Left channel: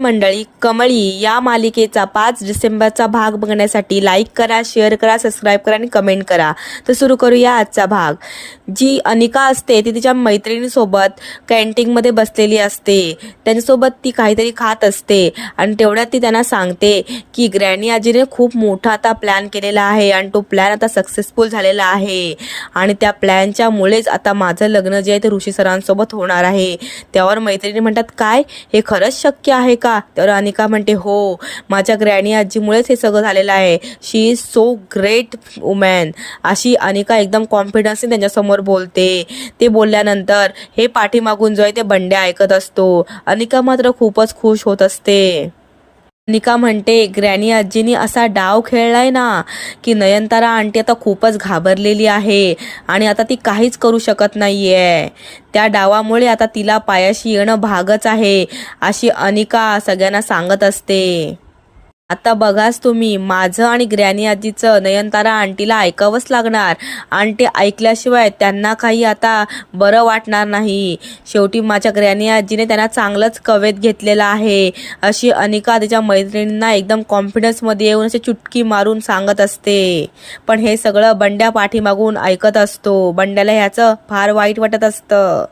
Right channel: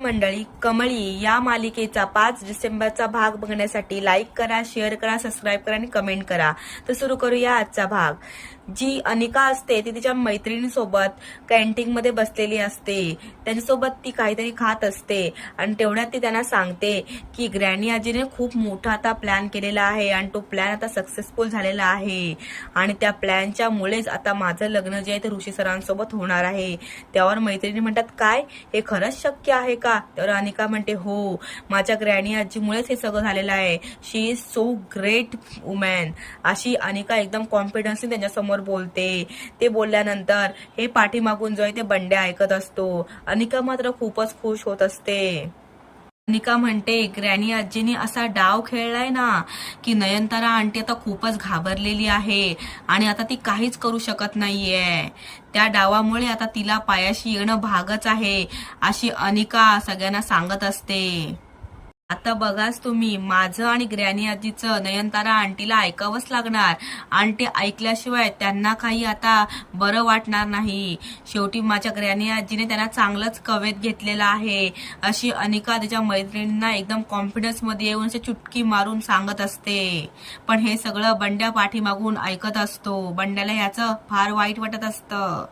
मंडळी, कमळी या मालिकेचा 5 डिसेंबरचा भाग बघण्यासाठी लाईक करा, शेअर करा, सबस्क्राईब करा आणि कमेंट करा. तर सुरू करूया आजचा भाग. जी अनिका असते ती तिच्या मैत्रिणीसोबत कॅन्टीनमध्ये बसलेली असते. त्यांच्यासोबत ती काहीतरी खात असते आणि तेवढ्यात ती त्यांना सांगते की ग्रॅनी आजीने खूप मोठा आता प्लॅन केलेला आहे आणि तो प्लॅन आता सक्सेसफुल झालेला आहे आणि त्या प्लॅनच्या मुळेच आता माझं लग्न जे आहे ते ऋषी सरांसोबत होणार आहे. त्यावर मैत्रिणी म्हणतात, काय हे खरंच शक्य आहे का? तर अनिका म्हणते, हो, माझ्या ग्रॅनी आजीमुळेच हे सगळं झालेलं आहे. शी इज सो ग्रेट वुमॅन. अशी अनिका एकदम कॉन्फिडन्सने त्यांच्यासमोर बोलते. ते बोलल्यानंतर हे पाठीमागून जो आहे ते बंड्या ऐकत असतो. अनिका मात्र खूपच खुश होत असते. अनिका म्हणते, ग्रॅनी आजीनी असा डाव खेळलाय ना की नयनतारा आंटी आता खूपच घाबरलेली आहे आणि आता ती काहीच करू शकत नाहीये. त्या डावामुळे आता तिला पायाशी येणं भागच आहे, अशी अनिका सगळ्यांना सांगत असते. आता बघाच तुम्ही, माझं आणि ग्रॅनी आजीचं नयनतारा आंटीला ऐकावंच लागणार. आंटी ऐकल्याशिवाय त्यांना काही आता बरं वाटणार नाही. शेवटी माझ्या ग्रॅनी आजीने त्यांना चांगलंच कवेत घेतलेलं आहे, अशी अनिका तिच्या मैत्रिणींना एकदम कॉन्फिडन्समध्ये येऊन अशी चुटकी मारून सांगत असते. पण हे सगळं बंड्या पाठीमागून ऐकत असतो. बंड्याला ह्याचं फार वाईट वाटत असतं.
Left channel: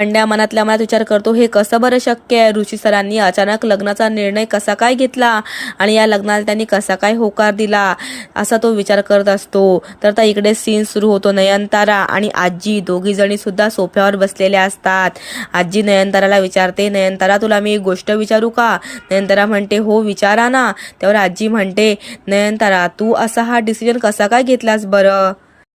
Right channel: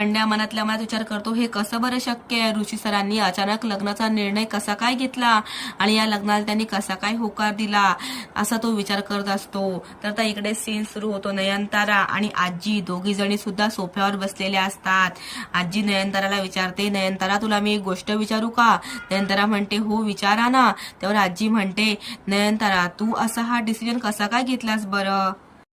बंड्या मनातल्या मनात विचार करतो, हे कसं बरं शक्य आहे? ऋषी सरांनी अचानक लग्नाचा निर्णय कसा काय घेतला आणि या लग्नाला त्यांनी कसा काय होकार दिला, असा तो विचार करत असतो. तर आता इकडे सीन सुरू होतो. नयनतारा आणि आजी दोघी जणी सुद्धा सोफ्यावर बसलेल्या असतात. आजी नयनताराला विचारते, नयनतारा, तुला मी एक गोष्ट विचारू का? नयनतारा म्हणते, हो, विचारा ना. त्यावर आजी म्हणते, नयनतारा, तू असा हा डिसिजन कसा काय घेतलास बरं?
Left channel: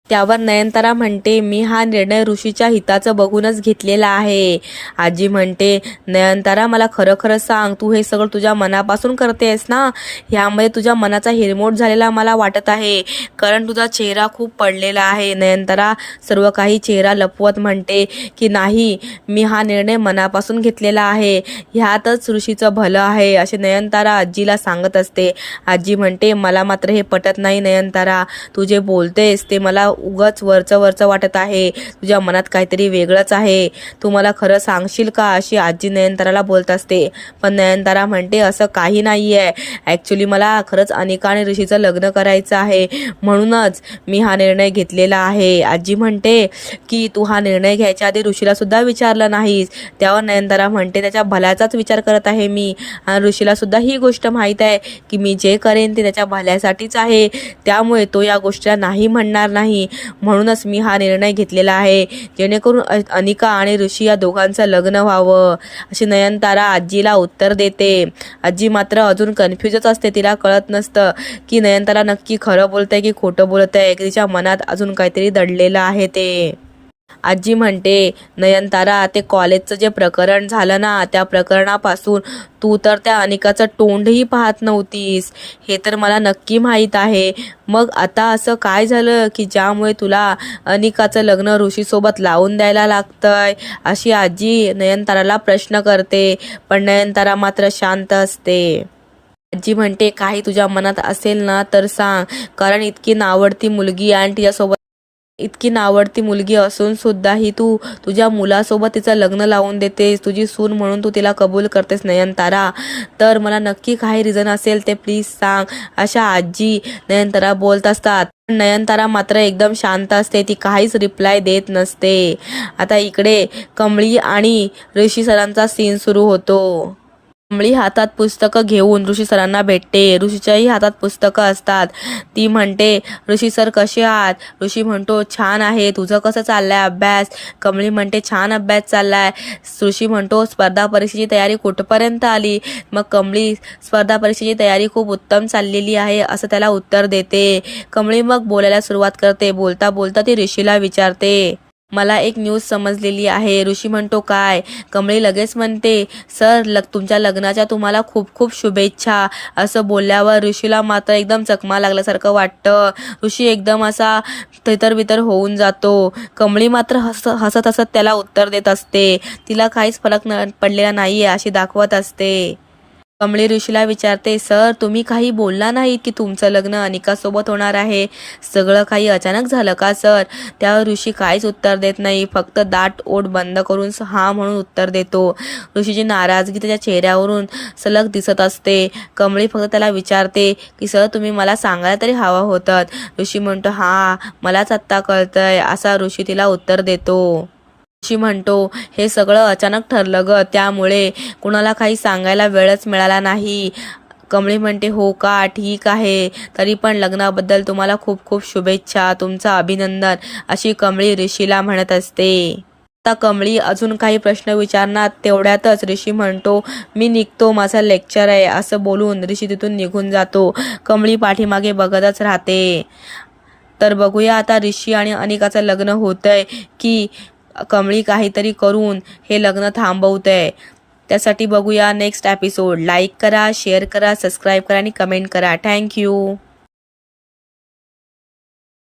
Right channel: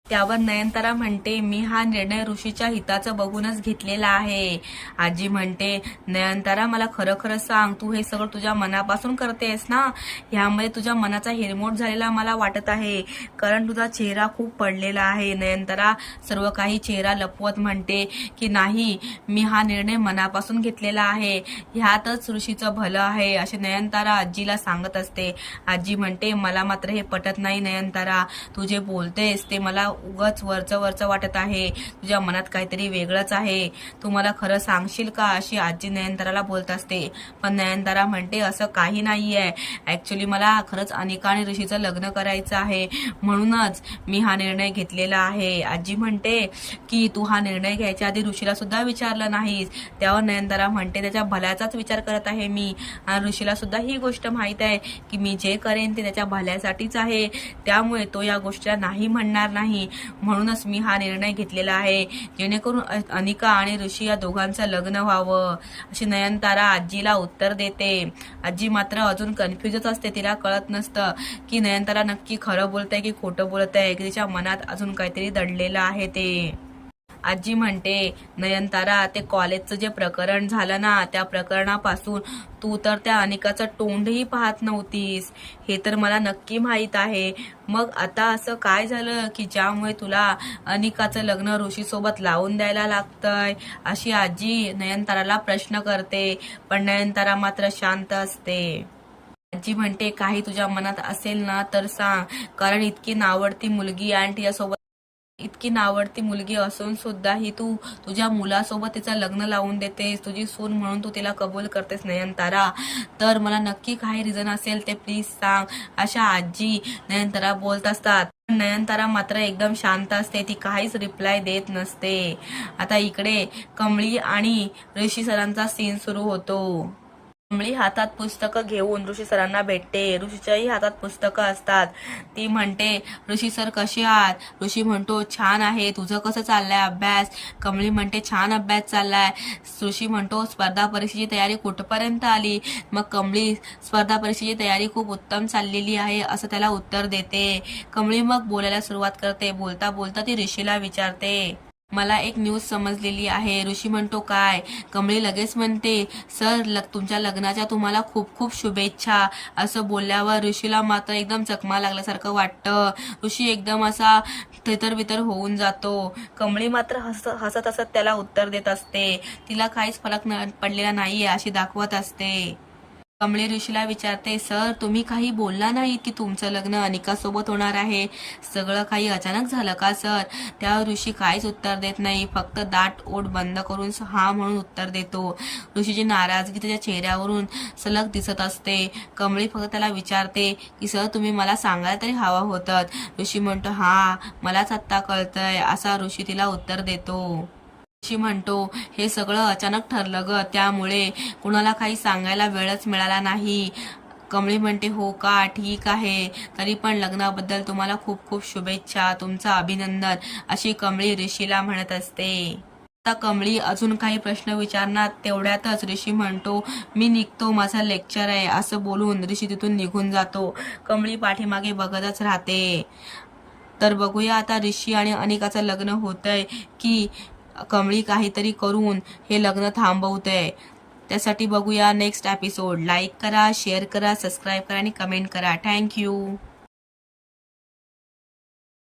त्यावर नयनतारा म्हणते, मी हा निर्णय ऋषीच्या हिताचं बघूनच घेतलेला आहे. आजी म्हणते, नयनतारा, मला खरं खरं सांग, तू हे सगळं तुझ्या मनापासून करतेस ना? ह्यामध्ये तुझ्या मनाचा हिरमोड झालेला मला वाटत आहे, कारण तुझा चेहरा खूप पडलेला आहे. नयनतारा सर्व काही चेहरा लपवत म्हणते की नाही, मी हा निर्णय मनापासून घेतलेला आहे, ह्यातच ऋषीचं भलं आहे, असे नयनतारा आजीला सांगत असते. आजी म्हणते, मला मात्र हे पटत नाही नयनतारा, तू जे बोलतेस ते मला उगाच वरचं वरचं वाटत आहे. तुझ्या मनात काहीतरी वेगळंच आहे. तू मला खरं सांगशील का? अशी आजी नयनताराला बोलत असते. पण नयनतारा म्हणते, असं काही नाहीये. ऍक्च्युली मला खरंच अनिका आणि ऋषीचं लग्न करायचं आहे, म्हणूनच मी हा निर्णय घेतलेला आहे. आजी म्हणते की तू हा निर्णय घ्यायच्या आधी ऋषीला सुद्धा विचारलं नाहीस. त्यावर नयनतारा म्हणते, त्याच्या भल्याचाच विचार करत आहे मी आणि ऋषीला सुद्धा ही गोष्ट माहीत आहे की मी जे करेन ते त्याच्या भल्यासाठीच आहे, त्यामुळे तो या गोष्टीला नाही म्हणणार नाही. म्हणूनच मी हा निर्णय घेतलेला आहे, जेणेकरून अनिका आणि ऋषी या दोघांचं लग्न व्हावं, अशी नयनतारा आजीला उत्तर देते. आजी मात्र अजून कन्फ्युजच असते. तिला कळत नसतं की नयनतारा नक्की खरं बोलते की खोटं बोलते. तिच्या मनात अजून काहीतरी दडलेलं आहे ते. आजी म्हणते, नयनतारा, ते कॉलेजचं जे प्रकरण झालं ना, त्या प्रकरणापासून तू तर त्या अनिकाचं तोंडही पाहत नव्हतीस, हे तर मला नक्की माहीत आहे. मग आता असं काय झालं की ज्यामुळे तुला अनिकाचं लग्न ऋषीसोबत लावून द्यायला लागतंय? अशी आजी नयनताराला प्रश्न करते. पण नयनतारा मात्र शांत असते. आजी म्हणते, काही तुझ्या मनात असेल ना तर सांग, कारण इतकी नावडती मुलगी असून सुद्धा ही तू तुझ्या मुलासोबत तिचं लग्न लावून देतेस, तुझी सून म्हणून तू तिला कबूल करतेस नयनतारा. तर मला नक्की काही रिझन असेल ते प्लीज सांग, अशा आजी नयनतारा बोलत असतात. नयनतारा मात्र एकदम शांत असते. ती काहीच रिप्लाय देत नसते. आता इकडे कमळी आणि ऋषी सरांचा सीन सुरू होतो. कमळी हातात पुस्तकं घेऊन ऋषी सरांना भेटते. ऋषीच्याही हातात पुस्तकं असतात. ती म्हणते, ऋषी सर कसे आहात? ऋषी म्हणतो, छान आहे. तुझं कसं चाललंय अभ्यास? कमळी म्हणते, छान अभ्यास चाललाय. ऋषी म्हणतो, स्पर्धा परीक्षेची तयारी कुठपर्यंत आली? मग कमळी, स्पर्धा परीक्षेची तयारी खूप उत्तम चाललेली आहे, असं त्याला उत्तर देते. कमळी मग बोलायला सुरुवात करते. बोलता बोलता ती ऋषीला विचारते, मला एक न्यूज समजलेली आहे. ऋषी म्हणतो, काय? कमळी लगेच म्हणते, सर, तुमच्या लग्नाच्या तुम्हाला खूप खूप शुभेच्छा. असं बोलल्यावर ऋषीला मात्र एकदम चकमा लागल्यासारखं वाटतं. ऋषी एकदम असा तितरबितर होऊन जातो. कमळी मात्र हसत हसत त्याला उत्तर देत असते. तिला काहीच फरक पडलेला नाहीये अशी दाखवत असते. कमळी ऋषीला विचारते, सर तुम्ही काही बोलला नाहीत की तुमचं लग्न अनिकासोबत होणार आहे. सगळं काही अचानक झालं का सर? त्यावर ऋषी काहीच उत्तर देत नाही, फक्त दाट ओठ बंद करून हा म्हणून उत्तर देतो. ऋषीची नाराजगी त्याच्या चेहऱ्यावरून सलग दिसत असते. कमळी फक्त त्याला विचारते की सर तुम्ही मला सांगायला तरी हवं होतं. ऋषी म्हणतो, हा मलाच आत्ता कळतंय, असा ऋषी तिला उत्तर देतो. ऋषी म्हणतो, हे सगळं अचानक ठरलं ग, त्यामुळे कुणाला काही सांगायला वेळच मिळाला नाही. कमळी म्हणते, हो का, ठीक आहे, तरी पण लग्नाबद्दल तुम्हाला खूप खूप शुभेच्छा, तुमचं अभिनंदन, अशी कमळी ऋषीला म्हणत असते. आता कमळी अजून काही प्रश्न विचारणार तेवढ्यातच ऋषी म्हणतो, मी निघतो, माझं लेक्चर आहे, असं बोलून ऋषी तिथून निघून जातो. कमळी पाठीमागे बघतच राहते. तर बघूया आता ऋषी आणि अनिकाचं लग्न होतंय की कमळी काहीतरी करून हे लग्न थांबवतंय. त्यासाठी बघूया नेक्स्ट एपिसोड. लाईक करा, शेअर करा, सबस्क्राईब करा आणि कमेंट करा. थँक्यू.